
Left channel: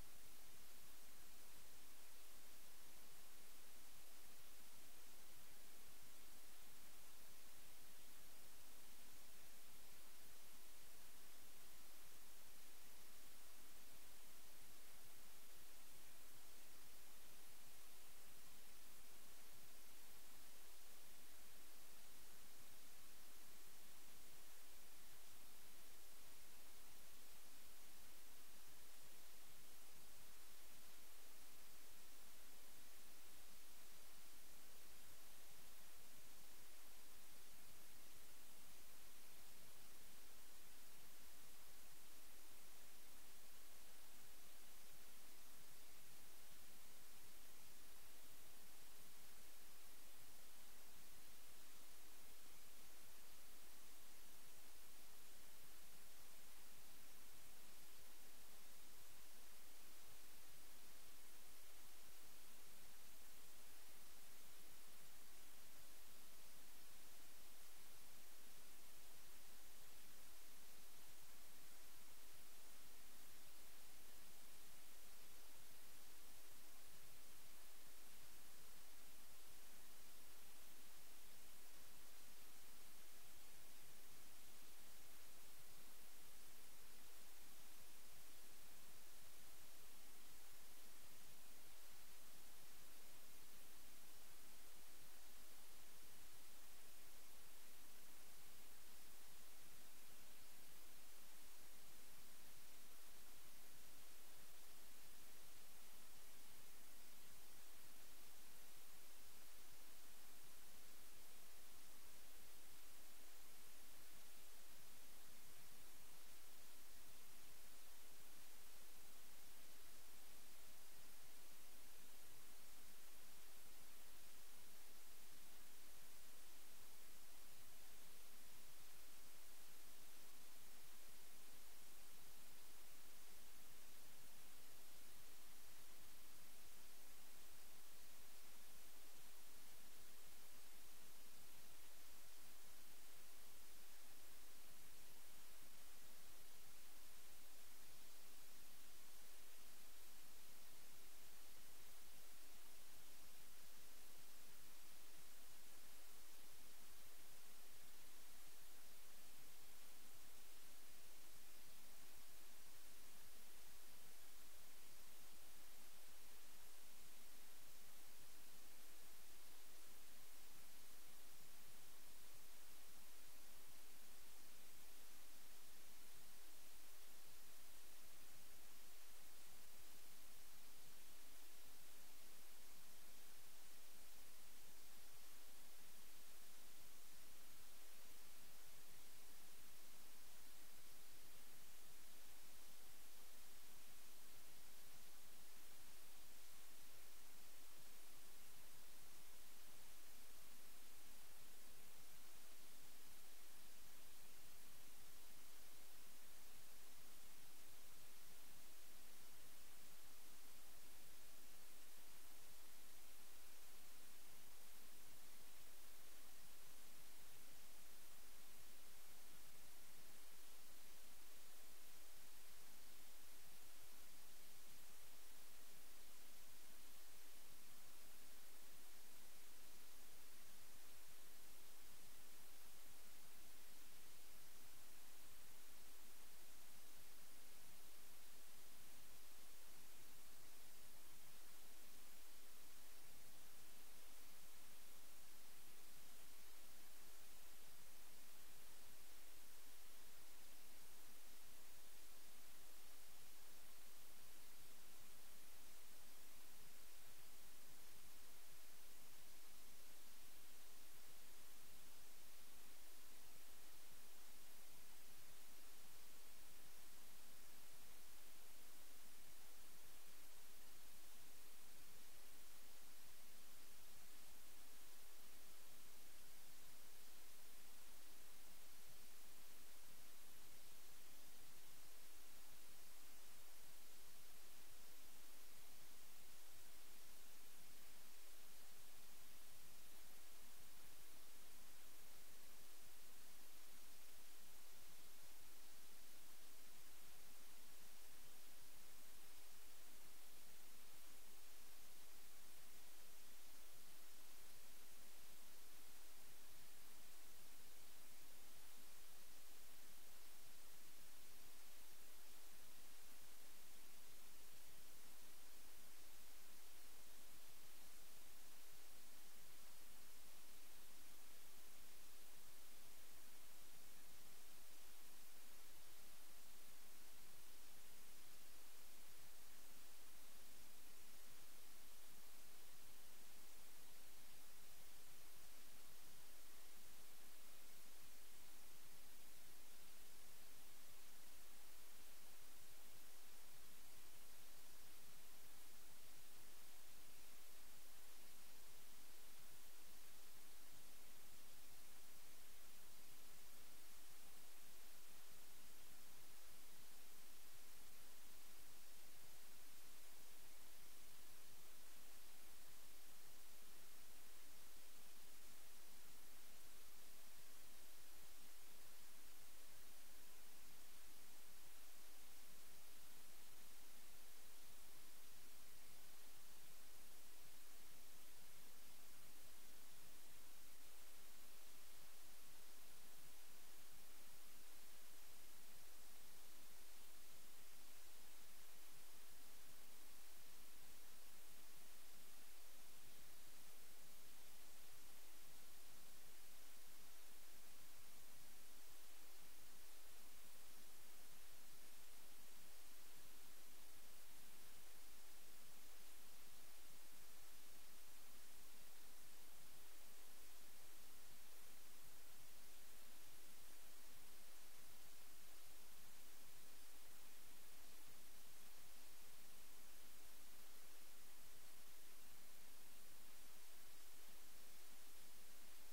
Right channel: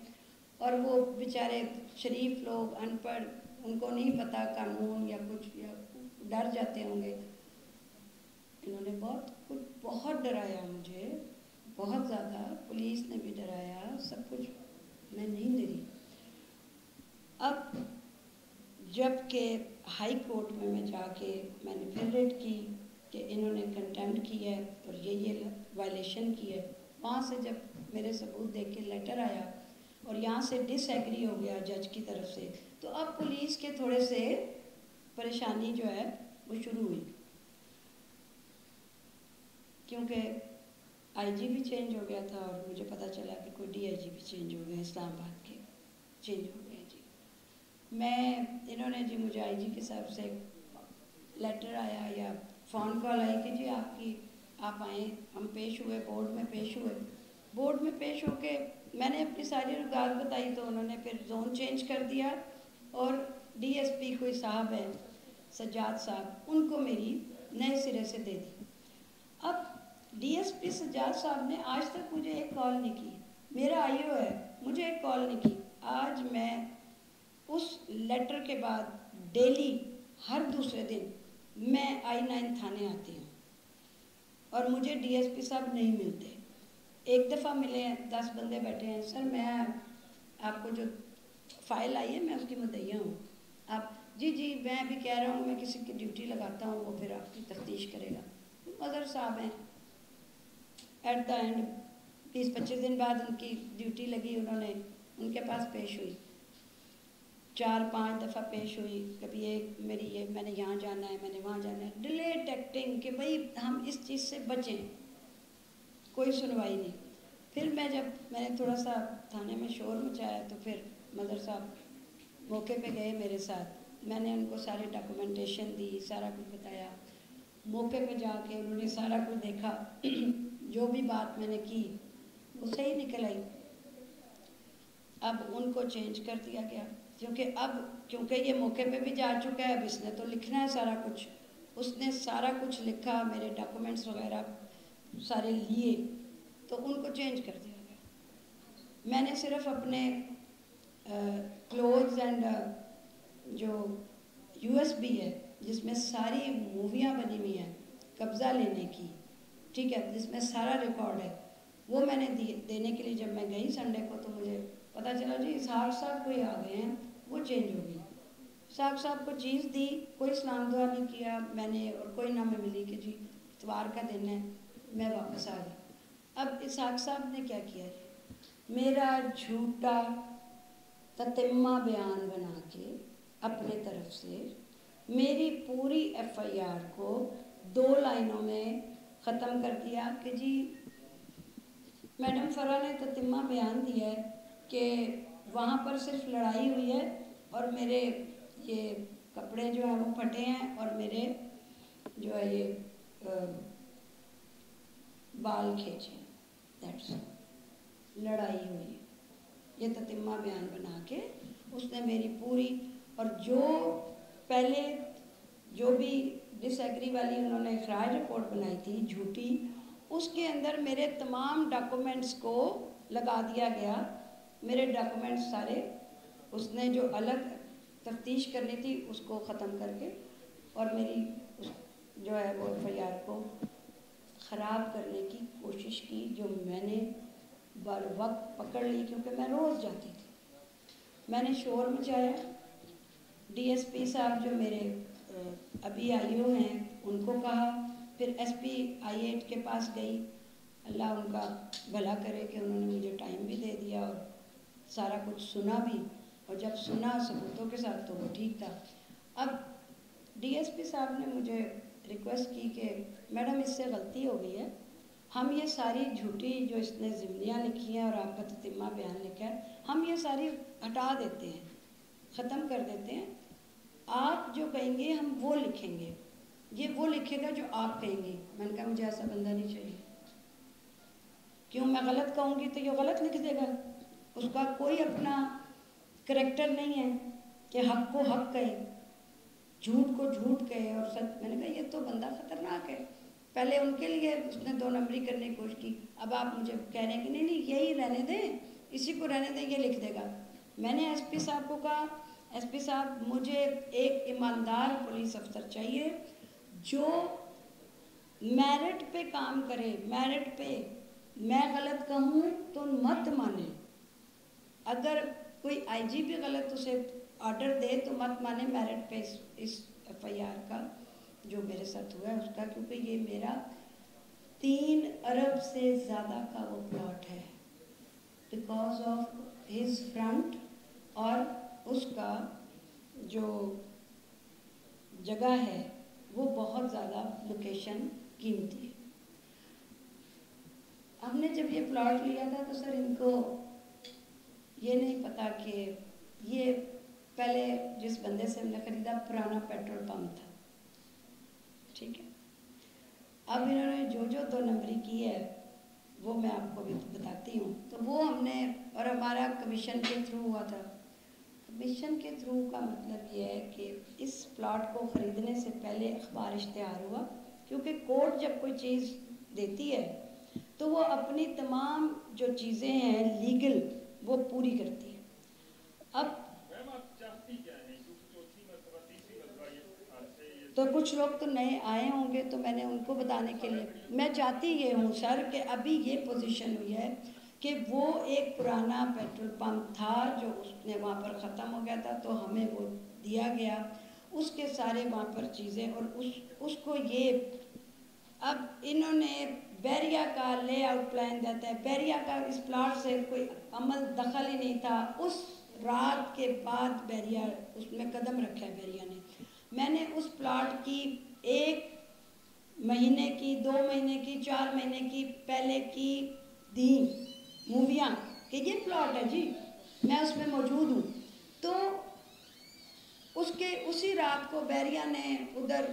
اور وہ بیچارے شریف لوگ ان پڑھ, ان کو نہیں پتا قانون یا کچھ, یا ڈر جاتے ہوں گے. انہوں نے بہت ڈرایا مجھے, بہت زیادہ. پولیس نے بھی ڈرایا, سب کچھ. میں نہیں ڈری. اب جب کہ ہائی کورٹ میں جا کے میں نے پھر ریٹ کی کہ انہوں نے کنٹمپٹ کی ہے اور یہ وائلیشن کی ہے. وہاں سے جب میرے ثبوت دیکھ کے لیٹر آیا اور یہاں سے ڈس ایگری ہو گیا جج کی طرف سے, تو اب پولیس کے تھوڑے سے پریشانی جو ہے وہ شروع ہوئی, کیونکہ IG بھی چینج ہو گیا تھا, اور مجھے پتہ چلا کہ کوئی DIG بھی چینج ہو گئے, اسلام آباد کے چینج ہو گئے جی. انہوں نے جی مجھے IG کے صاحب سے لیٹر آیا یا فون کال آئی کہ جی آپ آئیں. ہم پیش ہوئے, بورڈ میں پیش ہوئے. بورڈ میں پیش ہو کے میں نے اپنی ساری رکاوٹ بتائی, تو انہوں نے پھر زون چینج کر دیا, اور DSP کوئی صاحب ہے سجاد صاحب, ان کو میری نئے سرے سے دے دی. اب DSP سجاد صاحب نے آج تک مجھے ایک کال نہیں کی. میرا IO ہے, مجھے ایک کال نہیں کی. آج میں اس لیٹر کے بعد ڈیلی ہر دوسرے دن میں I9 تھانے آتی ہوں, اور مجھے DSP صاحب نہیں ملتے. ایک دفعہ ملے ہیں, 10 بندے بیٹھے ہیں, سر میں آپ کو جو فائل آئی ہے میں اس کی مدعیہ ہوں. آپ جی میں بھی کہہ رہا ہوں, میں کسی کی ڈیوٹی لگاتا ہوں, وہ پھر آپ کی تفتیش کرے گا. مظہر صاحب ہیں, ایٹ دا اینڈ 20-25 دن بعد ان کی ڈیوٹی لگی, انہوں نے ان کے پاس پیش ہوئی, 4-5 دفعہ پیش ہوئی. کبھی ایک میری یہ میں نے یہاں جانا ہے, میں نے وہاں جانا ہے, ڈیلیٹ ایکٹنگ کہ بھائی ہم اس چیز سے بچیں. کوئی سنوائی نہیں. پھر میں نے تھوڑا سا تھانے میں شور مچایا, تو پھر مظہر صاحب موقع پہ گئے میرے ساتھ. میں نے ان کو ساری ڈاکومنٹیشن دی, سارا کچھ بتایا. موقع پہ جا کے انہوں نے سارا کچھ دیکھا, جو بھی بات میں نے کی وہ صحیح نکل آئی. اب ان کو چینج کر دیا گیا, کیونکہ یہ موقع پہ بھی جا چکا ہے, اب اس نے تو لکھنا ہے سارا کچھ. اس نے سارا کچھ لکھا, میرے ڈاکومنٹس وغیرہ سارے لیے, تو ان کو چینج کر دیا گیا. میں نے صرف اپنے کلوتھز اینڈ جو یو ایس بی ہے جس میں ساری موویاں بنی ہوئی ہیں قبضہ لینے کی، ٹھیک ہے، جس میں سارا ریکارڈ ہے، وہ میں نے دینے کے لیے جب میں گئی سنڈے کو تو مجھے پتہ چلا جی اسحاق صاحب کوئی آ گئے ہیں، وہ چینج ہو گئی۔ اسحاق صاحب کو چیز دی، کوئی سلام دعا نہیں کیا میں نے، اور کوئی نہ میں ملی کہ جی اتوار کا دن ہے، میں واپس آ گئی۔ اب اسحاق صاحب نے کیا کیا جی، میرا جھوٹا تتمہ بیان بنا کے اپنے طرف سے میری پوری ایف آئی آر کو 2 لائنوں میں ختم کر دیا کہ جی میڈم فرا نے تتمہ بیان دیا ہے کہ وہاں پر صرف لڑائی ہوئی ہے اور میرے یہ کپڑے جو ہیں وہ پھٹے ہیں اور میرے جو ہے یہ بال کھینچے، دیٹس لڑائی ہوئی ہے، یہ تتمہ بیان بنا کے اس نے میری پوری، اور جو پہلے جو بھی ڈس ایگری والی انہوں نے اخراج رپورٹ بنائی تھی جھوٹی، اس کے اندر میرے تمام ڈاکومنٹس کو لگا دیا گیا، میرے ڈاکومنٹس سارے اس نے جو الگ تفتیش کرنی تھی اس کو ختم کر کے، اور میری جو ہے وہ ایف آئی آر کو خراب کرنے کی کوشش کی، جو میں نے بر وقت پکڑ لی کیونکہ میں روز جاتی تھی۔ میں نے شور مچایا، ڈی ایس پی صاحب جو میرے ابھی آئی او ہیں ان کو کہا، پھر ایس پی آئی 8 کے پاس گئی، اللہ ان کا بھلا کرے کہ انہوں نے مجھے ٹائم بھی دے دیا اور سارا کچھ سنا بھی، اور جب سنا ثبوتوں کے ساتھ تو وہ ٹھیک تھا۔ اب ڈی ایس پی صاحب نے مجھے ریکویسٹ کی کہ میڈم اس سے غلطی ہو گئی ہے، ہم یہ ساری جھوٹی جو اس نے ضمنیاں لکھی ہیں اور آپ کا تتمہ بیان لکھا ہے ہم یہ ساری ہٹا دیتے ہیں، ختم کر دیتے ہیں، آپ جو کہیں گے ہم وہ لکھیں گے، یہ وہ لکھے گا جو آپ کہیں گے۔ میں نے کہا مجھے ایسا بندہ نہیں چاہیے، کیوں میں غلط کہوں گی تو یہ غلط لکھ دے گا، اس کا کوئی اپنا کریکٹر نہیں ہے کہ حق کو حق کہے، جھوٹ کو جھوٹ کہے اور سچ۔ میں نے کہا یہ تو بندہ خطرناک ہے، پہلے ان کے لیے اس نے 2 نمبری کرنے کی کوشش کی، اب آپ مجھے کہہ رہے ہیں کہ نہیں یہی رہنے دیں، اسی کو رہنے دیں، یہ لکھ دے گا۔ میں نے ایس پی صاحب کو کہا ایس پی صاحب مجھے ایک ایماندار پولیس افسر چاہیے جو میرٹ پہ کام کرے، میرٹ پہ، میں غلط کہوں تو مت مانے، اگر کوئی آئی جی بھی غلط اسے آرڈر دے تو مت مانے، میرٹ پہ اس ایف آئی آر کا جو میرے ساتھ ہوا ہے اس کا، کیونکہ یہ میرا 3 ارب سے زیادہ کا وہ پلاٹ ہے، بیکاز آف ہز فرنٹ، اور اس کا جو جگہ ہے وہ بہت زیادہ لوکیشن قیمتی ہے۔ ہم نے جب یہ پلاٹ لیا تھا تو سر ان کو یہ نہیں پتا کہ یہ پہلے جس بندے سے ہم نے خریدا پرانا پیٹرول پمپ تھا، ٹھیک ہے، اب انہوں نے جو 2 نمبری کی ہے وہ میں آپ کو بھی بتاتی ہوں، تو وہ ہم نے، اور ہمارا کمیشن کے تھرو ہوا تھا۔ کمیشن کے تھرو کا مطلب یہ ہے کہ اس پلاٹ کو خریدنے سے پہلے اخبار اشتہار ہوا، کیونکہ کورٹ جب کوئی چیز دیتی ہے تو وہ اپنی تمام جو چیزیں ہیں لیگل وہ پوری کرتی ہے۔ اب تو کچھ لوگ تو نئے آئے ہوں گے تو میں نے ان کو بتانے کے لیے، میں چاہتی یہ ہوں سر کہ ابھی یہ پوزیشن ہوئی ہے کہ وہ ایک پرانا پیٹرول پمپ تھا جو اس نے وہاں پر ختم ہو گیا تھا تو ہمیں وہ دیا گیا، اس کے سارے وہاں پر چیزیں، اور اس کو یہ اب انہوں نے بیریا کا لے آؤٹ پلان دیتا ہے، بیریا کا اس پلاٹ سے کوئی عمل دخل ہی نہیں تھا، اس رات کے بعد بیریا اس میں قدم رکھا ہے بیریا نے، میں نے اس پلاٹ کی 1 مہینے کی 2 مہینے کی 4 مہینے کی پہلے کی دی موویاں کہ یہ پلاٹ ہے جی، میں اس میں موجود ہوں، تو اس کے اسی رات کو بیریا نے ادھر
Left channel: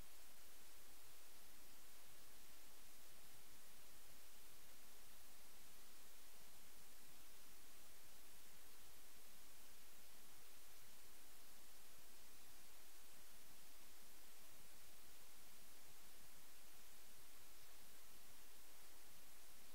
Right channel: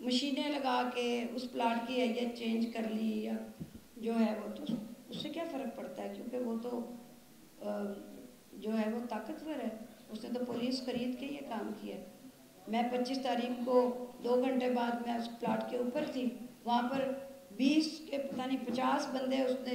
مشینیں لگا کے اس پلاٹ کی حیت چینج کر لی، یا جو ہے وہ، تو اس سے کیا فرق پڑتا ہے، کیونکہ وہ تو جو ہے وہ طاقتور ہے، اس نے تو پولیس خرید کے یہ کام کیا۔ میں 25 تاریخ کو 2 گھنٹے بعد میں اس پلاٹ کے اوپر تھی، وہاں پر 20 کے پتہ نہیں 50 بندے اس نے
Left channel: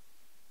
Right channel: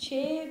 6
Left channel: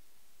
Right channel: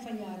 FIR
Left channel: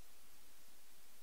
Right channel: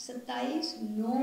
27/9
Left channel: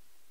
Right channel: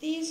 30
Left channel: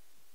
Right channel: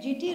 GT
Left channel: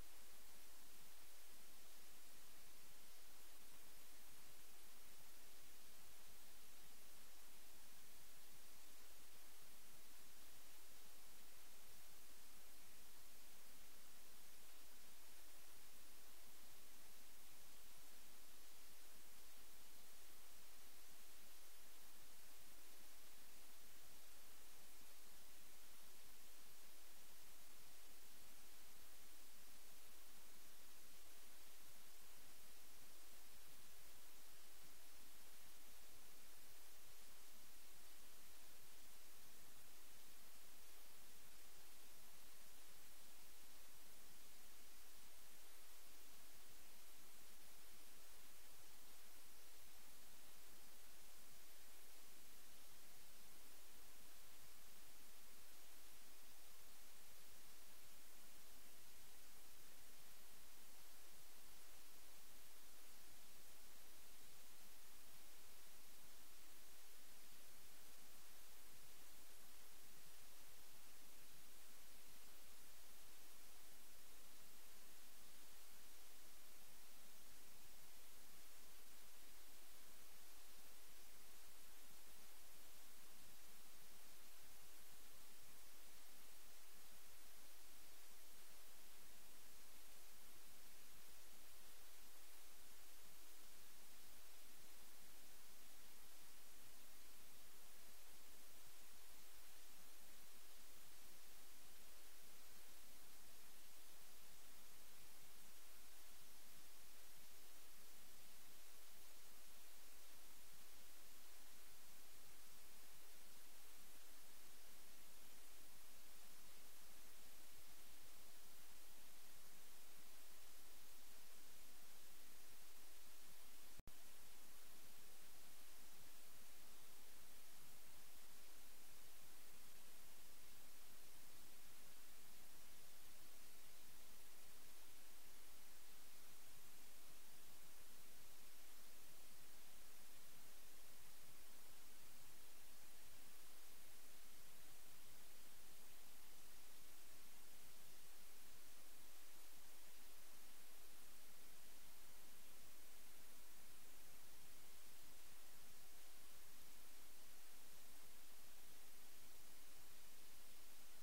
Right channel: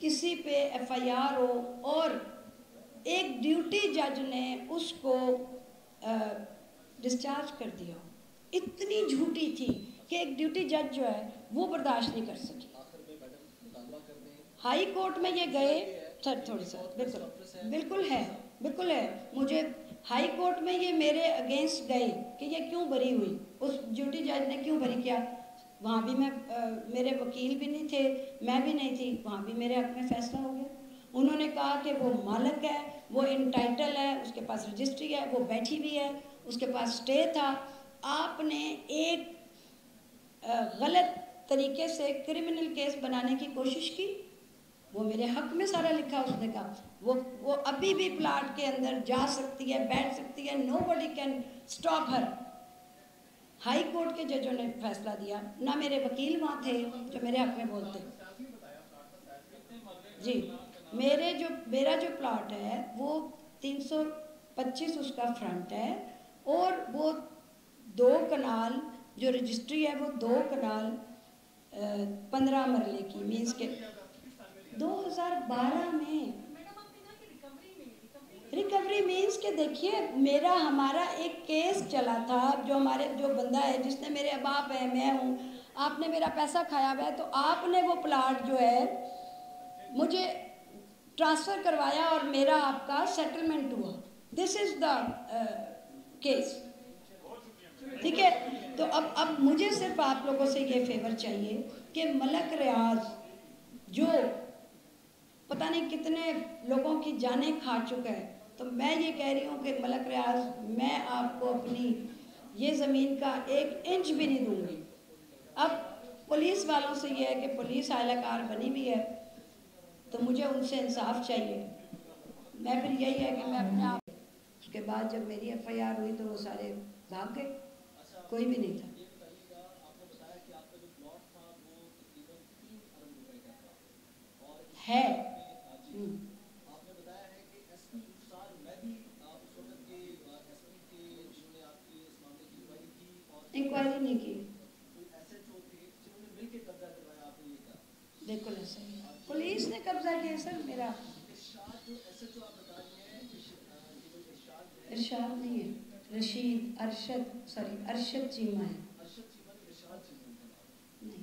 کسی پہ FIR ہو اور ایک ڈیوٹی جج نے اس کو ڈسچارج کر دیا ہو. اتنی جھوٹی تھی کہ ایک ڈیوٹی جج جو ہے وہ برداشت نہیں کر سکی. ہائی کورٹ میں یہ گئے سر تھوڑی سا بالکل ہے مجھے ہائی کورٹ میں یہ میرے اگینسٹ گئے کہ یہ کیوں بری ہوئی, اس ڈیوٹی جج نے کیوں بری کیا. وہاں بھی میں میرے وکیل بھی نہیں تھے, میں بھی نہیں تھی, وہاں بھی میرے حق میں فیصلہ ہو گیا. انہوں نے کہا کہ وہ مالک ہے, وہ انٹائٹل ہے, اس کے پاس رجسٹری ہے, وہ بیٹھی بھی ہے, اس کے پاس اسٹے تھا. آپ نے ایک غلط طریقے سے کرمنل کیس بنانے کی کوشش کی, وہ میرے حق میں سارا لکھا. اس نے کہا وہ ابھی بھی پلاٹ کے اندر جا سکتی ہے, بیٹھ سکتی ہے, nobody can stop her. High court کے ججوں نے فیصلہ دیا, نہ میرے وکیل وہاں تھے جو میرے حق میں بولتے. جی میرا جو پلاٹ ہے وہ 325 اس کا فرنٹ ہے, اور وہ 2 کنال جو رجسٹری ہے وہ 2 کنال 15 مرلے کی, مینس کے 2012 میں ریکوری مینس کہ دیکھیے ہمارا ایک کیس چلا تھا, جو بندہ ہے جس نے میرے باپ ہے, میں ہوں, آپ نے میرا پیسہ کھایا ہوا ہے, تو آپ نے وہ پلاٹ جو ہے مجھے ٹرانسفر کروایا اور میرا آپ کا سیٹلمنٹ ہوا. دس از دا کیس, ٹھیک ہے. تو اب مجھے صرف آپ لوگوں سے یہ فیور چاہیے کہ ملک ریاض جو پتہ نہیں کتنے لوگوں کی جانیں کھا چکا ہے, تو میں یہ کہہ رہی ہوں کہ ملک ریاض, میں آپ کو اپنی یہ زمین کا 1 انچ بھی نہیں دوں گی. اب پولیس والوں سے یہ ہے کہ پولیس اعلی کار بنی بھی ہے, تو مجھے ان سے انصاف چاہیے. میں پھر یہی ہے کہ میں اپنے آپ, اس کے بعد جب میری FIR ہوئی تو وہ سارے بھاگ گئے, کوئی بھی نہیں تھا. ہے انکوائری نہیں کی, بالکل ایسا ہی پولیس نے قبضہ کیا سر. میرا ارشاد نہیں ہے, ارشد چیمہ ہے, نہیں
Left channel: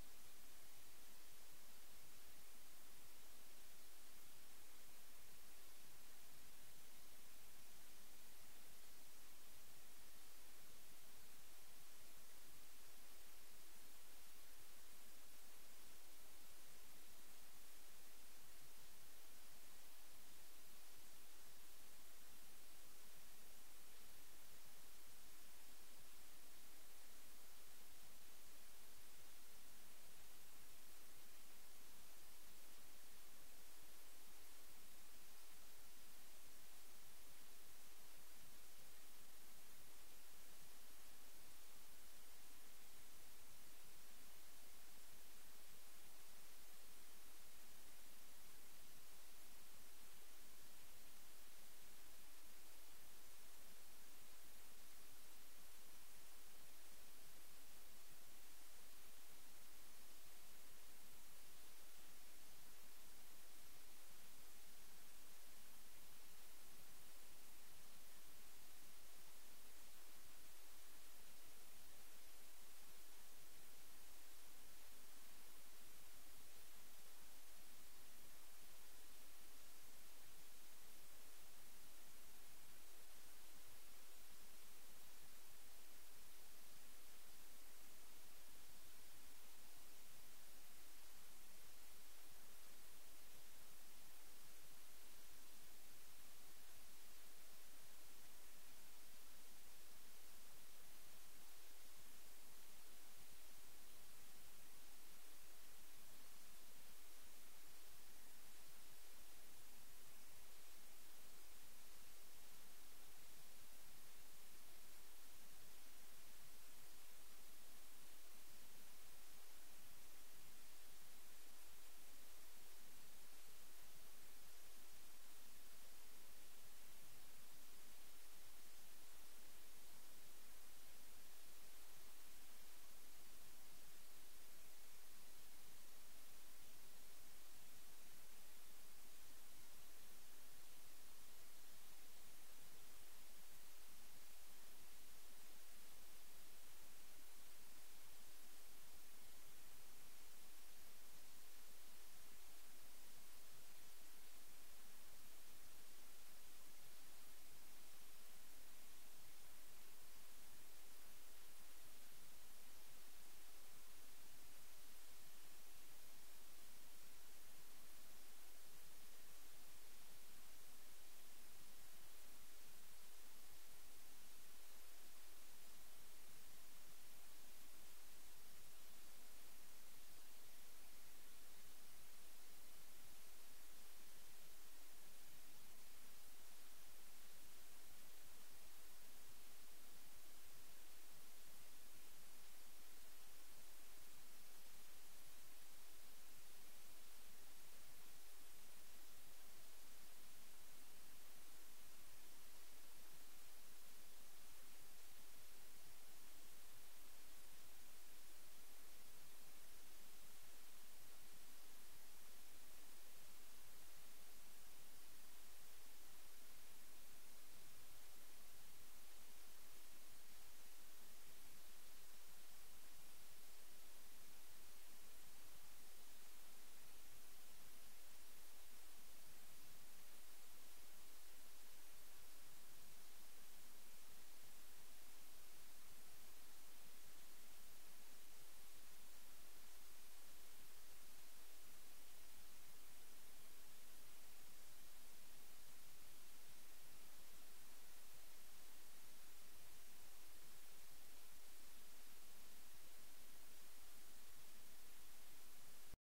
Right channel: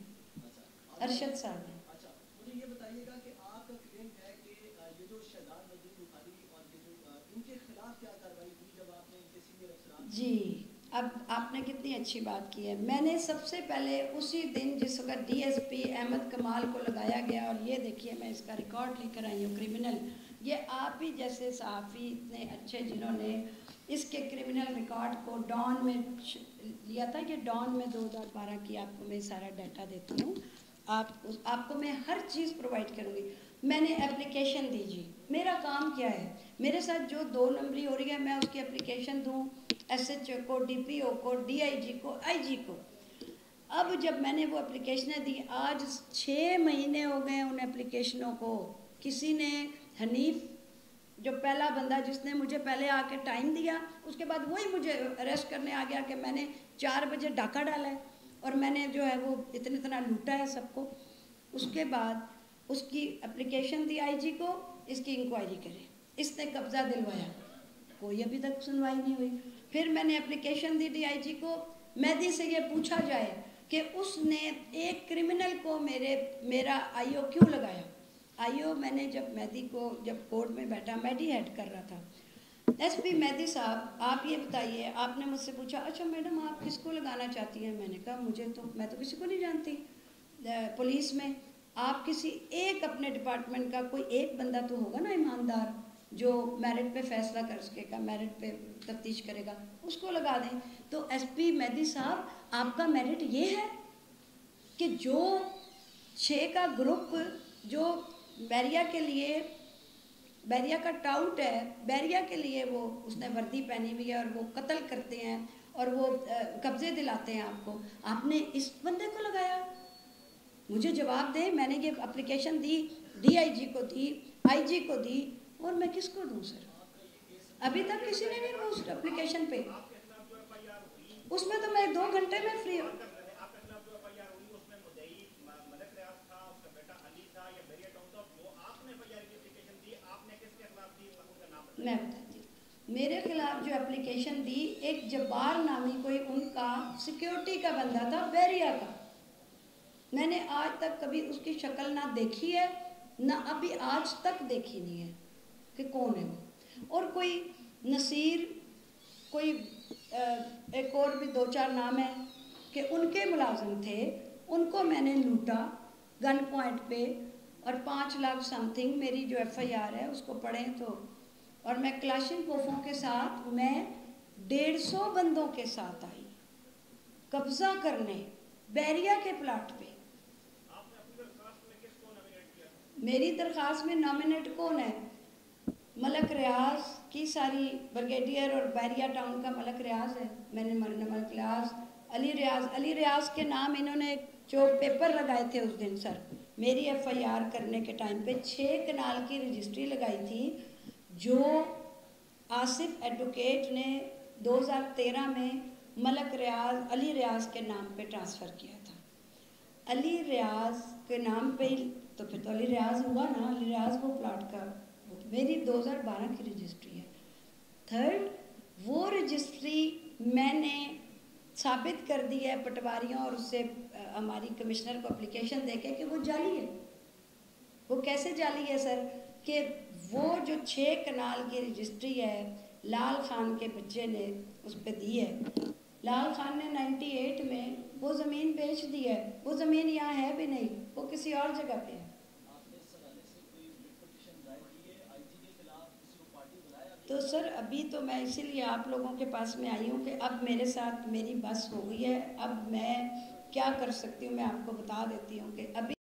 ارشد صاحب ہے. جی اب آپ نے کتنی اچھی بات کی ہے. میں نے سب سے پہلے اسی دن جس وقت DSP احمد کمال کو لگایا گیا, اور یہ دیکھیے میں اس کا ریکارڈ لے کر آئی ہوں, کرمنل, یہ آپ ہی جیسے صحافی اتنے اچھے جنہوں نے اس کے کرمنل ریکارڈ کو ڈان میں لیا تھا. یہ ڈان میں 2012 کی آپ کو میں سارا ڈیٹا دیتی ہوں, آپ کو میں ہر چیز پرووائڈ کروں گی. میں نے اپلیکیشن دی, جی میرا کام کیا ہے, میرے ساتھ جو 2 نمبری ہو رہی ہے میں اس کی اپلیکیشن دوں, SHO کو, DPO کو, DIG کو, IG کو. اب جب میں نے وہ اپلیکیشنیں دی, آج 6 مہینے ہو گئے ان اپلیکیشنوں کو. کسی نے, حنیف جو پہلا بندہ جس نے مجھے پہلے آ کے ٹائم دیا, اس کے بعد وہی مجھے اریسٹ کرنے آ گیا کہ میں نے 4 بجے ڈاکہ ڈالا ہے اور میں نے جو ہے وہ اتنا لوٹا ہے سب کو. اس کے بعد اس کی اپلیکیشن دی IG کو, اس کی انکوائری کرے, اس نے قبضہ دلوایا, کوئی ابھی تک سنوائی نہیں ہوئی. پھر میں نے اپلیکیشن دی DIG کو, مہدی سے یہ پوچھا جائے کہ اس نے ایک کرمنل کو میرا IO کیوں لگایا. IO میں نے جب کورٹ میں بیٹھا, میڈی ہیڈ کر رہا تھا, SP مہدی صاحب آپ یہ بتائیے, آپ نے مجھ سے پوچھا اچھا میڈم آپ کس کو لگانا چاہتی ہیں. میں نے کہا میں تو کسی کو نہیں جانتی پولیس میں. آپ کسی ایک اپنے ڈپارٹمنٹ کا کوئی ایک بندہ تو ہوگا نا ایماندار, جو میرٹ پہ فیصلہ کر سکے گا, میرٹ پہ تفتیش کرے گا, اس کو لگا دیں. تو SP مہدی صاحب آپ کا میرٹ یہ ہے کہ جو 6 کا گروپ جو بیریا کے لیے, بیریا کا ٹاؤٹ ہے, بیریا کے لیے وہ اس نے وردی پہنی ہوئی ہے اور وہ قتل کرتے ہیں اور وہ قبضے دلاتے ہیں آپ کو, آپ نے اس بندے کو لگایا. مجھے جواب دیں, میں نے یہ اپلیکیشن دی, DIG کو دی, IG کو دی, اور میں کس کو دوں سر. ابھی تک کسی نے نہیں اس اپلیکیشن پہ, اس میں تو میں 2 گھنٹے میں فری ہوں. اپلیکیشن دی، ایک جبار نامی کوئی ان کا سیکیورٹی کا بندہ تھا بیریا کا، میں نے آج تک کبھی اس کی شکل نہ دیکھی ہے نہ ابھی آج تک دیکھی نہیں ہے کہ کون ہے وہ، اور کوئی نصیر، کوئی ایک اور بھی 2-4 نام ہیں کہ ان کے ملازم تھے، ان کو میں نے لوٹا گن پوائنٹ پہ، اور 5 لاکھ سم تھنگ میری جو ایف آئی آر ہے اس کو پڑھیں تو، اور میں کلاشن کوفوں کے ساتھ میں 150 بندوں کے ساتھ آئی قبضہ کرنے بیریا کے پلاٹ پہ۔ میری درخواست میں نامنیٹ کون ہے؟ ملک ریاض کی ساری بریگیڈیئر اور بیریا ٹاؤن کا ملک ریاض ہے، میں نے ملک ریاض، علی ریاض کے نام انہوں نے جو پیپر لگائے تھے اس دن سر میری ایف آئی آر کرنے کے ٹائم پہ 6 کنال کی رجسٹری لگائی تھی جو آصف ایڈوکیٹ نے 2013 میں ملک ریاض علی ریاض کے نام پہ ٹرانسفر کیا تھا۔ علی ریاض کے نام پہ ہی تو پھر تو علی ریاض ہوا نا، علی ریاض وہ پلاٹ کا، میری 2012 کی رجسٹری ہے۔ تھرڈ، وہ رجسٹری میں نے ثابت کر دی ہے پٹواریوں اور اس سے ہماری کمشنر کو اپلیکیشن دے کے کہ وہ جعلی ہے۔ وہ کیسے جعلی ہے سر؟ کہ وہ جو 6 کنال کی رجسٹری ہے لال خان کے بچے نے اس پہ دی ہے، لال خان نے 98 میں وہ زمین بیچ دی ہے، وہ زمین یہاں ہے بھی نہیں، وہ کسی اور جگہ پہ ہے۔ تو سر ابھی تو میں اسی لیے آپ لوگوں کے پاس میں آئی ہوں کہ اب میرے ساتھ میری بس ہو گئی ہے، اب میں کیا کر سکتی ہوں میں آپ کو بتا دیتی ہوں کہ ابھی